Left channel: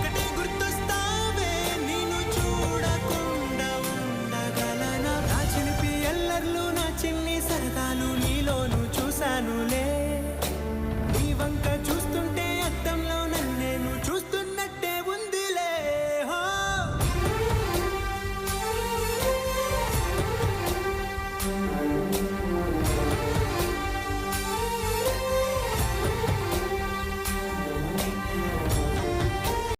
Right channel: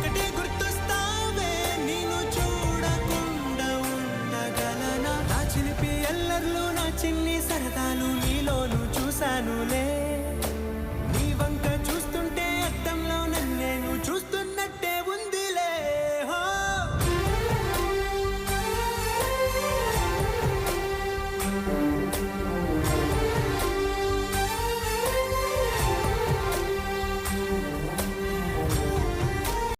ఒకటే గుర్తొస్తావే నేను చూడకుండా ఉండగలనా నా చిలిపి ఎల్లర్లు నా చిన్ని సరదాలు నీలోను చూశానులే నీ వంక చూస్తుంటే అద్దంలో నన్నేను చూస్తూ